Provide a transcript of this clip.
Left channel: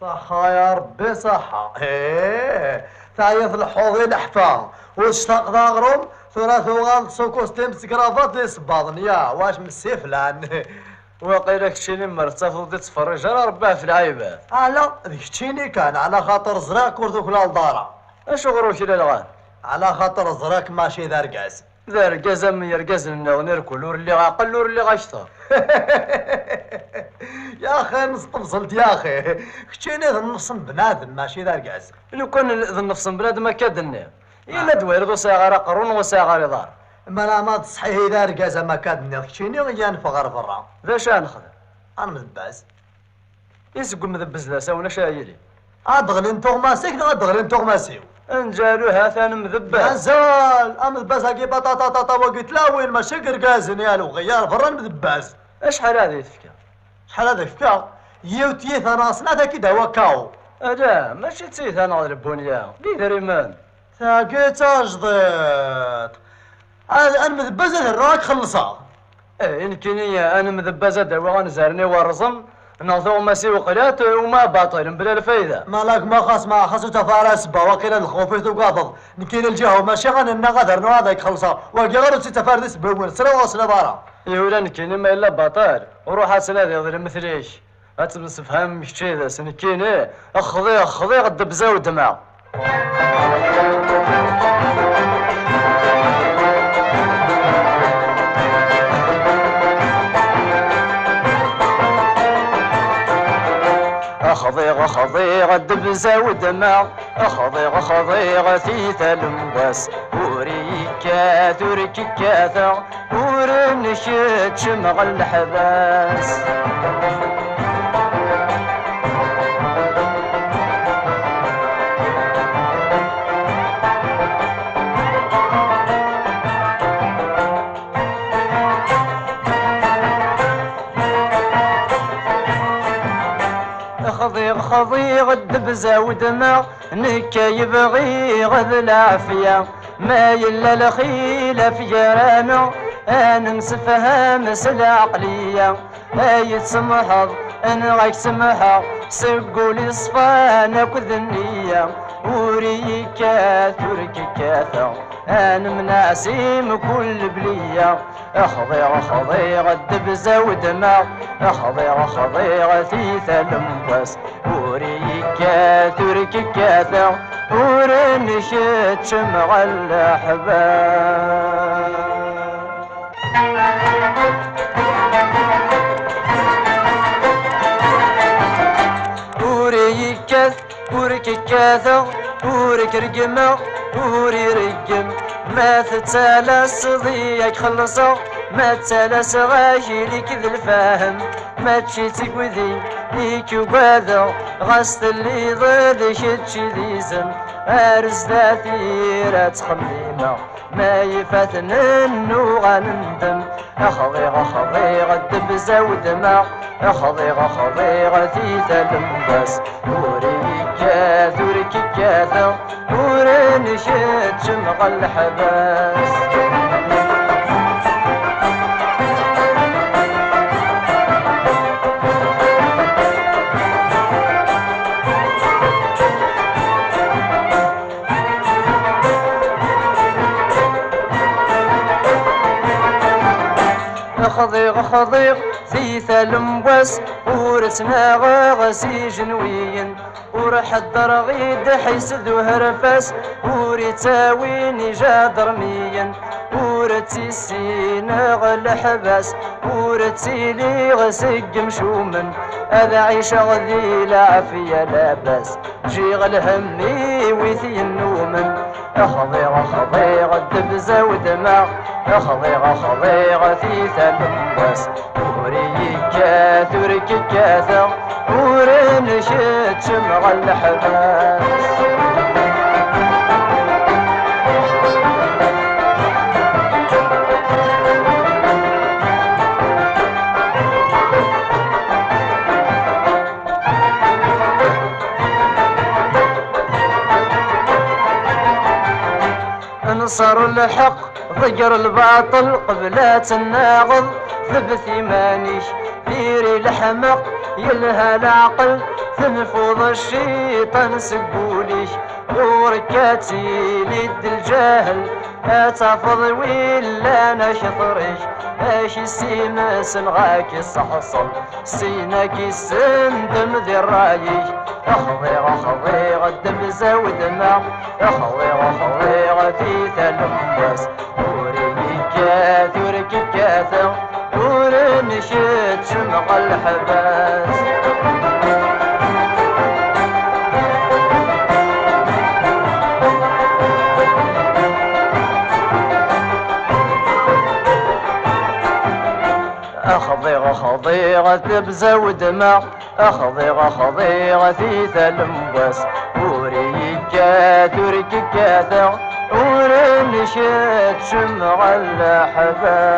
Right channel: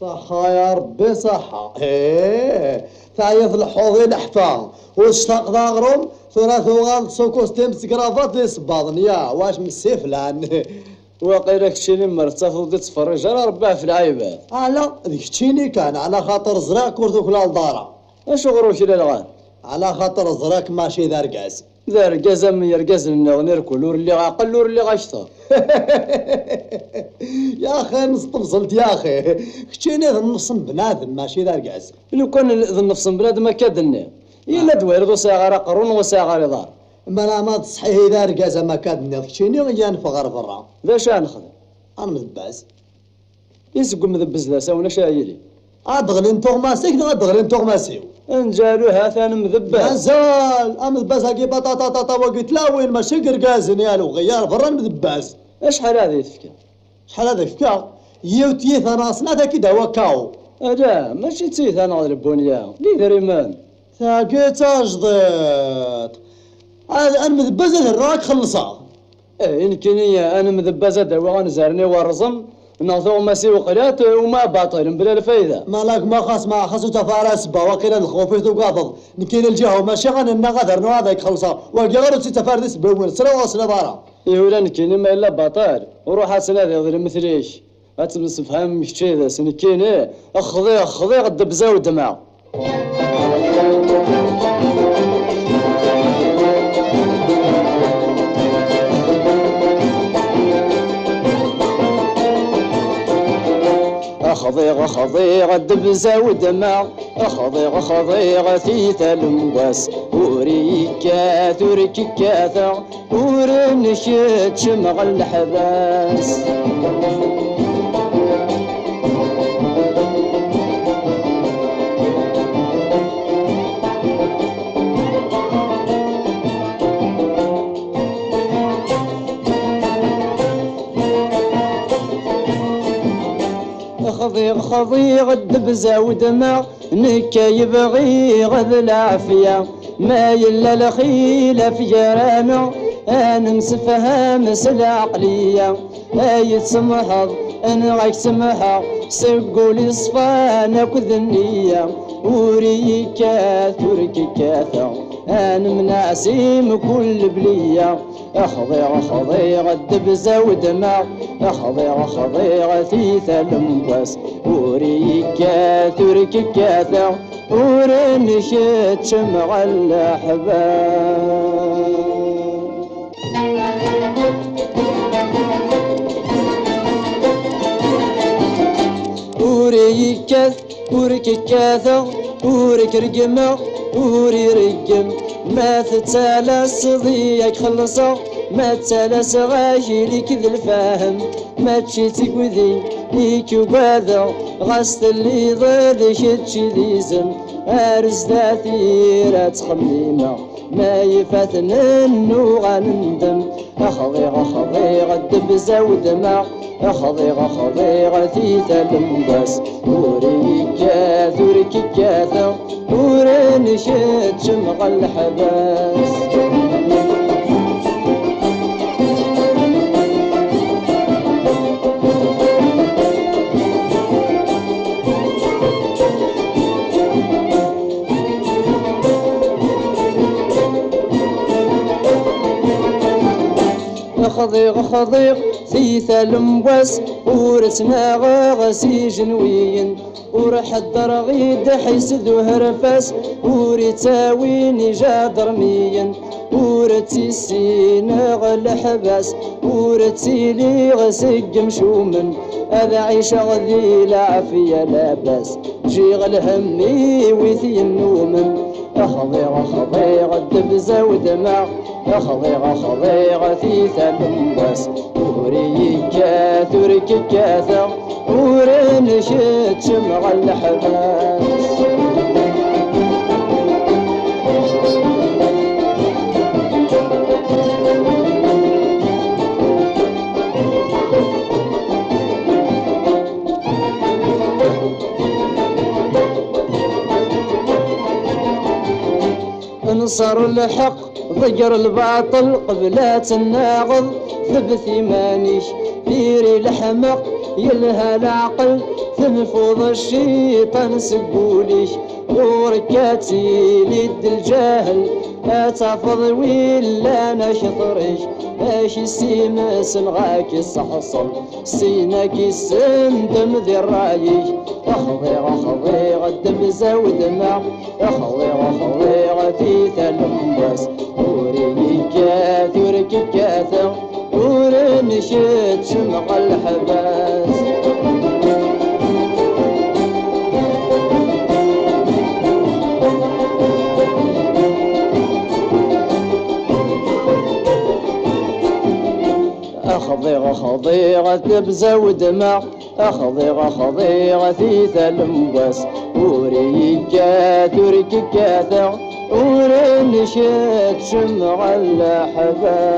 صحة يا ربي صحة. تعيط الحوضي لحفا واشتاق ضاغرم ثلاث غالط سوكوس تمس كرافات يصباضن يا واش من السفلان. واقيلا كتشيني مرتفض ودي تفرج على رباه في العيبات. لا ذيك تشيني كان على خاطر زراك ورثوك للدارة. اش غروك الى الغان؟ على خاطر زراك ماشي دار كاس. دار كازا من يركز لنا ونركل ور اللي غاقل ور اللي غاشطر. يا اخي نستبصلت يا اخي كتشيني ذا النفس بنادم ماشي دار كاس. لو كان ذا النفس بنادم كادني إلا دويرد وساغر قرون وساغر دار. ما لا ما تصحيه دار كاس ما كادني كتشيني غيا نفغر برا. ذا شا نخدم؟ انا مذباز. يسقم مذبز لا ساونا شايلي. ادغل انتو ماسيك ادغل انتو ماسيو. انجالو هاثان مذباز. مازال امذباز هاكي بطاطا طاطا وقلت لا وين ماشي قرقازن يالو غيار برا مذباز. اشحال هذه تفكا؟ شحال هذا فكا؟ يوتيث انا صنعتها كي هو كاو. لا ماشي تيث انا البنيا لي دريمان. ثاقيت اجضيت. انا مذباز الراك خلصها. يمكن انا مذبازه دوا غنزارني ورزم ناثو ماسي وقلات وما باطل بلا الفايده. مالك ما خاص ما خاصو تفارس با وقيلا الخوفيت وقاضض نكين الجهه ماشي غننا غدر نو هذاك خلصها وقي غير تفاردس بول سرا وصل برا. يولا نكين ما الا باطل وروح اسنا ذي مثليش اتمسفهم شي ذا سنكين اخذي الدبزه ودمع. أخضيغ الدبزة ودمع أخضيغ ثيث المقاس وريكا ثورككاثا ورنشت شمغ الحباس. خضيغ الدبزة ودمع نكا يبغي غذ العافية ما يلا الخيلة في جرانا انا مسفهم العقلية هاي تسمحض انا غاك سمحة سقولي صفانا كذ النية وريكا ترككاثا انا مناسيم كل بلية أخضيغ الدبزة ودمع أخضيغ ثيث المقاس وريكا ترككاثا ورنشت شمع الأحباب. ورككاثا وركرقمة وريرقم ما تتسالس ضيق خلصا ما تسالس غايلك ذي الفاهم ما تشي تقوذي ليك وباذا غاست اللي ضد شتشي ذيزم أرز ذاثيرة خميمة ما يفاتن انو غنندم أخضيغ الدبزة ودمع أخضيغ ثيث المباس وريكا ثورككاثا ورنشت شمغ الحباس. خضيغ ثيث المباس ورسنا غاسي جنويين ورحضر غيد حيسد وهرفاس وريتاويني جادرميا ورتيسين غل حباس ورتيلي غسق مشومن هذا عيش غذي العافية لا باس جيغ الهمي ويثي النومن أخضيغ الدبزة ودمع أخضيغ ثيث المباس وريكا ترككاثا ورنشت شمغ الحباس. انصر الحق ضجر الباطل قبلات الناغض ثبت مانيش ديري الحمق يلها العقل تنفض الشيطان سقوليش وركاتي لد الجهل اتعفض ولا انا شطريش اش السيمس نغاك الصحصل سيناك السندم ذي الرايش اخضي اخضي غدم زود ما اخضي اخضي غتي ثلمبس وريكات ورككاثا ورنشد شمق الحباس أخضيغ أخضيغ تبزى ودمع أخضيغ أخضيغ في ثلمبس وريكات ورككاثا ورنشد شمع الحباس